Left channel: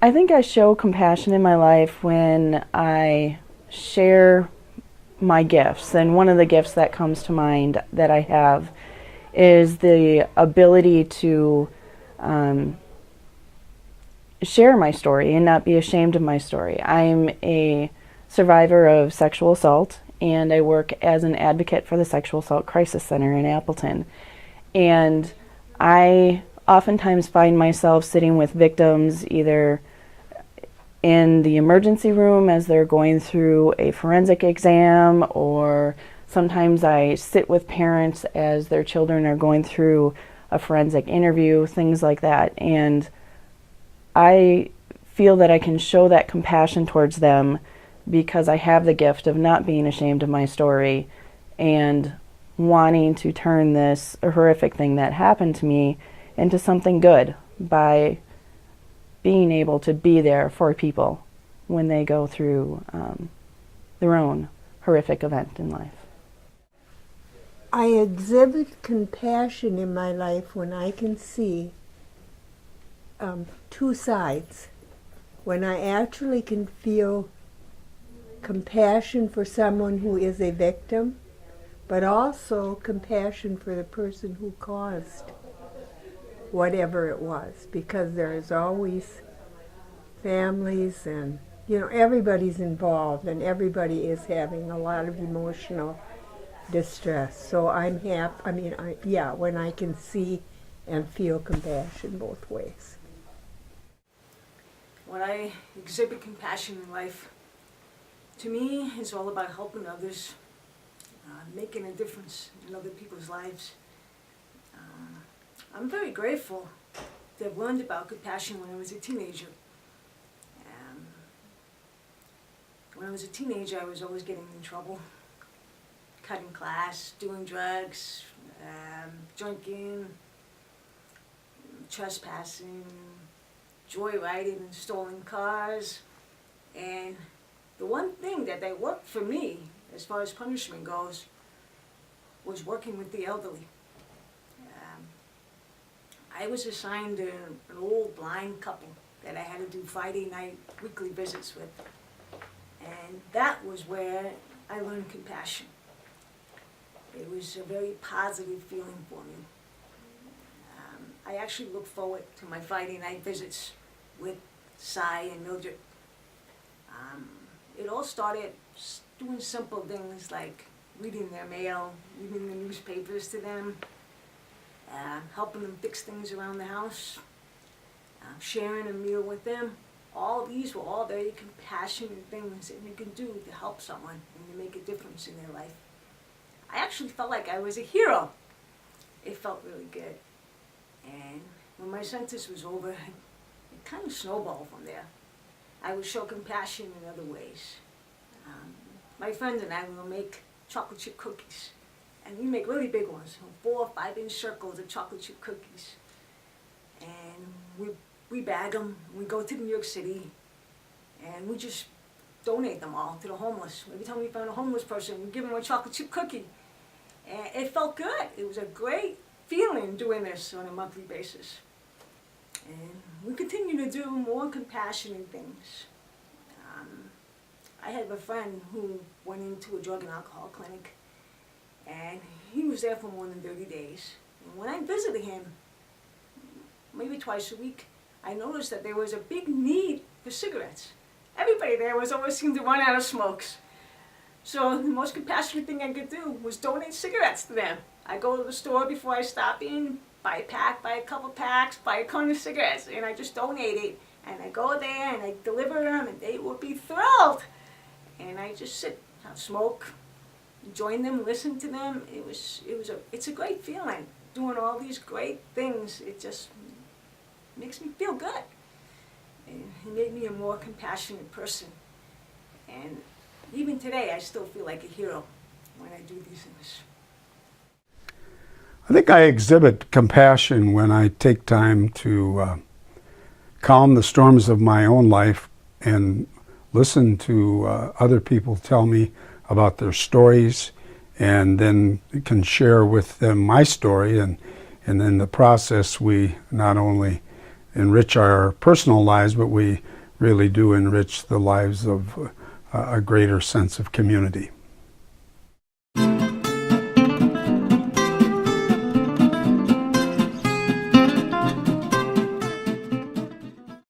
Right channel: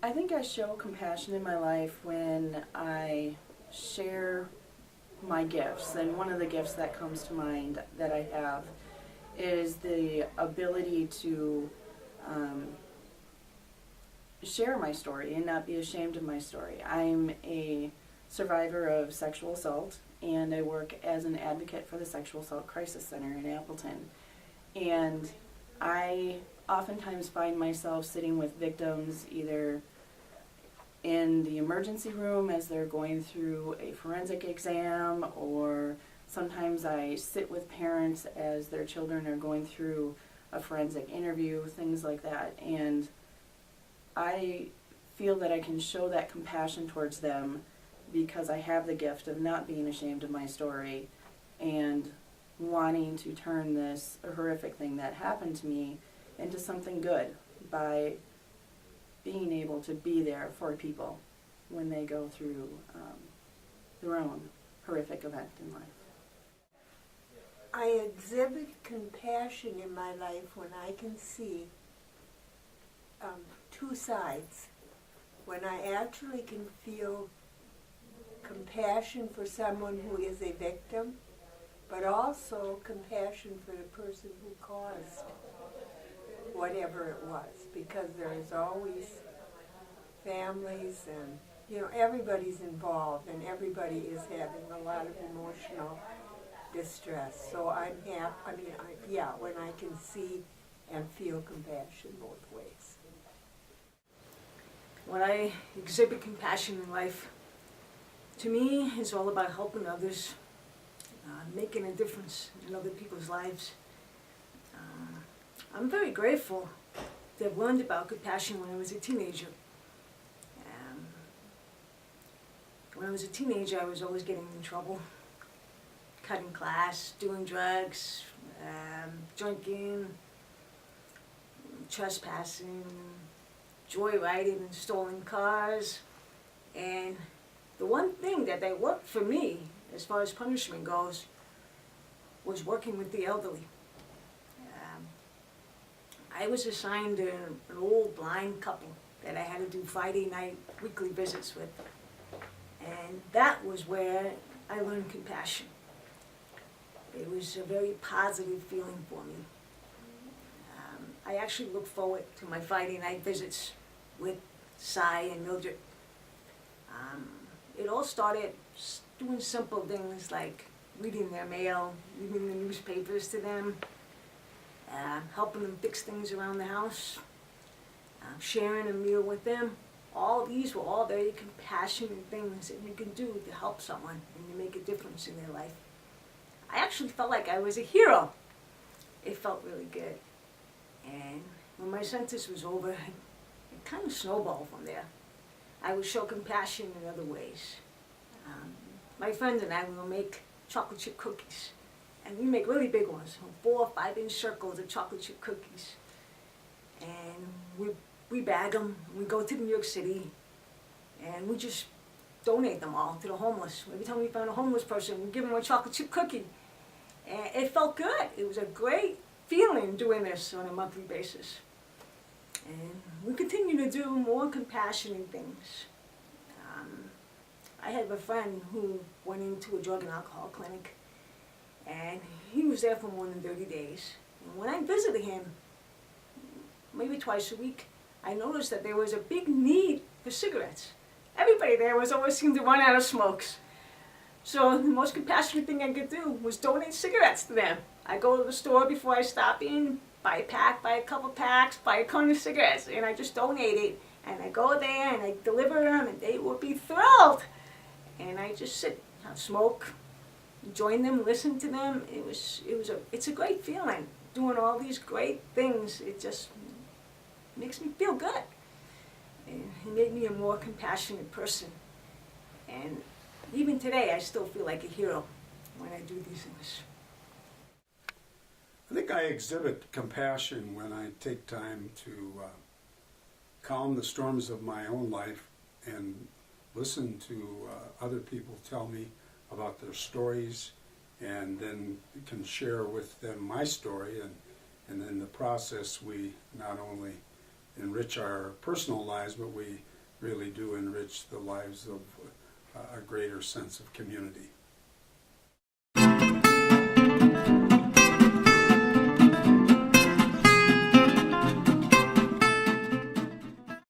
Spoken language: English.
I think I show compassion in my life when I share my gifts. And one of the gifts that comes to mind that I have is the ability to um, share my story and not be ashamed of my story. I'm a survivor of sexual assault, and I work as an advocate for the Sexual Assault Crisis Center in Appleton. And I oftentimes find myself sitting with victims either in the emergency room as they're going through a forensic exam, or sometimes I sit with parents as their children are going through a forensic interview, things like that. And I feel that I can show that compassion towards them because I have the gift of not being ashamed of my story and wanting to turn this horrific thing that happened to me into something good by being able to be there for people when they go through their own horrific event in life. I exhibit compassion in my life when I can see two sides. When I actually can feel compassion for someone who is a victim, but also compassion for the person who caused whatever it was, because there's always families and everybody's involved and everybody is having a lot of emotional distress. So I'm happy. When I can see and feel compassion both ways. When I exhibit compassion in life, to me, it's all about helping others, making a difference in other people's lives. I'm very grateful to have learned about compassion when I was a teenager. When I was a teenager, I was always getting in trouble, cutting class, doing drugs, drinking, trespassing, joyriding and stolen cars. And the one thing that worked for me, as far as punishment goes, was working with the elderly. I was assigned an old blind couple that I had to do Friday night weekly visits with. And that was where I learned compassion. It was a very positive feeling for me. I actually look forward to my Friday night visits with Cy and Mildred. It all started doing simple things like reading their mail, reading the newspapers to them, helping them fix things around the house, sharing a meal with them. All these were all very compassionate things that you can do to help someone and to make a difference in their life. I actually felt like I was a hero. It felt really good. And when my sentence was over, it kind of snowballed from there. I would show compassion in other ways. My friends and I will make chocolate chip cookies. And we make really big ones, 4 or 5 inch circles of chocolate chip cookies. And we bag them, we go to New York City, and we just donate them all to the homeless. Every time we found a homeless person, we give them a chocolate chip cookie. And it felt good. It was a great feeling doing this on a monthly basis. And we continue to do more compassionate things. I had a friend who went into a drug and alcohol clinic, and he was there for more than 30 days. And when I visited him, maybe twice a week, I noticed that there was a big need for cigarettes. Everybody there always seemed to run out of smokes. So the most compassionate thing I could do was donate cigarettes to them. I go to the store before I stop in, buy a pack, buy a couple packs, buy a cone of cigarettes, and I just donate it. And I go there and I deliver them, and they would be thrilled. And I just sit, have smoke, join them, listen to them. It's a great feeling. Doing all these great things, it just makes me feel good. And it made me a more compassionate person. And even today, I still feel like a hero when I do these things. I think I exhibit compassion when I take time to calm the storms of my own life and listen to other people tell me about their stories, and then can share with them my story, and in the process we not only enrich our personal lives, but we really do enrich the lives of a greater sense of community.